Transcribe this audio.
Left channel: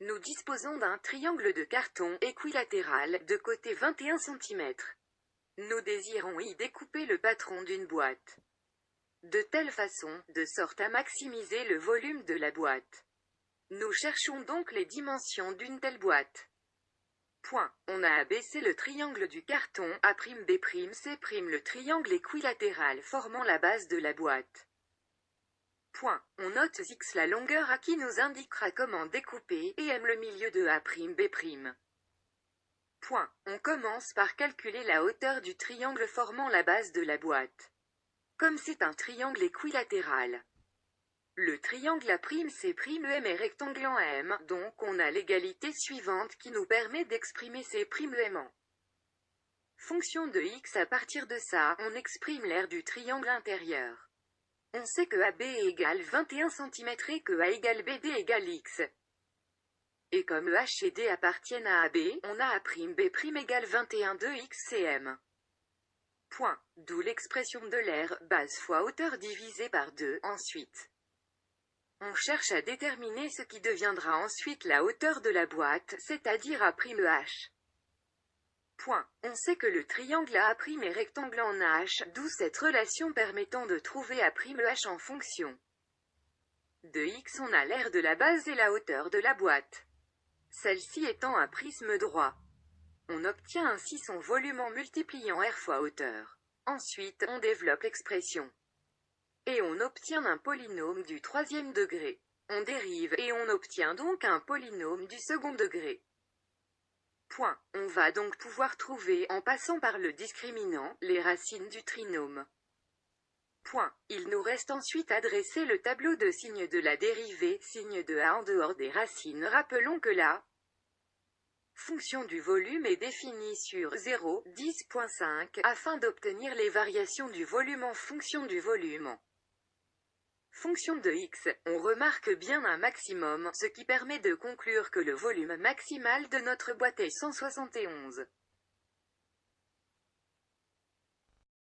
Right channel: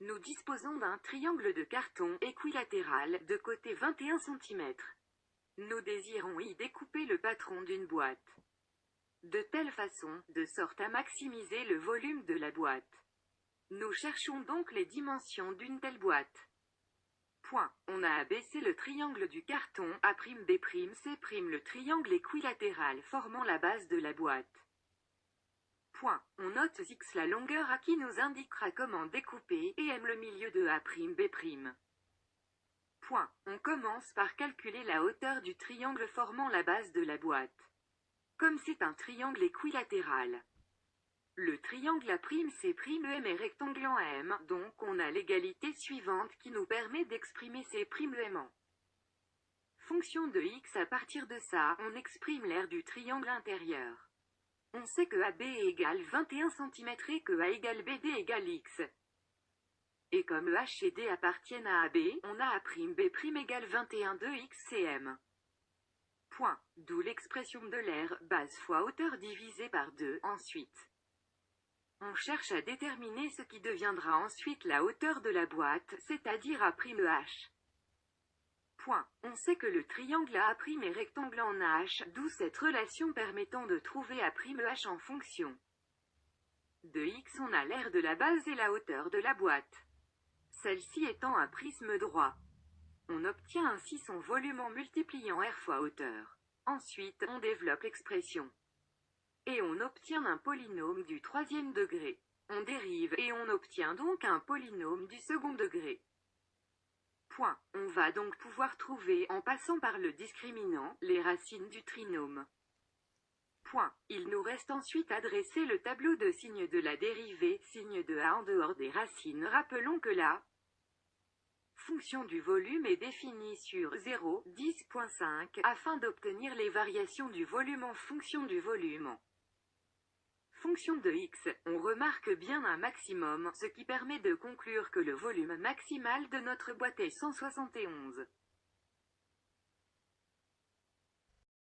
Nous disposons d'un triangle de carton équilatéral de côté 21 cm. Nous désirons y découper le patron d'une boîte. De telle façon, de sorte à maximiser le volume de la boîte. Nous cherchons donc les dimensions d'une telle boîte. Point. On a abaissé le triangle du carton A'B'C', le triangle équilatéral formant la base de la boîte. Point. On note X la longueur A qui nous indiquera comment découper, et M le milieu de A'B'C'. Point. On commence par calculer la hauteur du triangle formant la base de la boîte. Comme c'est un triangle équilatéral, le triangle A'C'Em est rectangle en M, donc on a l'égalité suivante qui nous permet d'exprimer C'Em en fonction de X. À partir de ça, on exprime l'aire du triangle intérieur. On sait que AB égale 21 cm et que A égale BD égale X. Et comme H et D appartiennent à AB, on a A'B' égale 21 de XCM. Point. D'où l'expression de l'aire, base fois hauteur divisé par 2, ensuite. On cherche à déterminer ce qui deviendra ensuite la hauteur de la boîte, c'est-à-dire A'H. Point. On sait que le triangle A' est rectangle en H, d'où cette relation permettant de trouver A'H en fonction de X. On a l'aire de la base et la hauteur de la boîte. Celle-ci étant un prisme droit. On obtient ainsi son volume en multipliant R fois hauteur. Ensuite, on développe l'expression. Et on obtient un polynôme du troisième degré. On dérive, et on obtient donc un polynôme du second degré. Point. On va donc pouvoir trouver, en passant par le discriminant, les racines du trinôme. Point. Il nous reste ensuite à dresser le tableau de signes de la dérivée, signe de A en dehors des racines. Rappelons que la fonction du volume est définie sur 0, 10.5, afin d'obtenir les variations du volume en fonction du volume en fonction de X. On remarque bien un maximum, ce qui permet de conclure que le volume maximal de notre boîte est 171.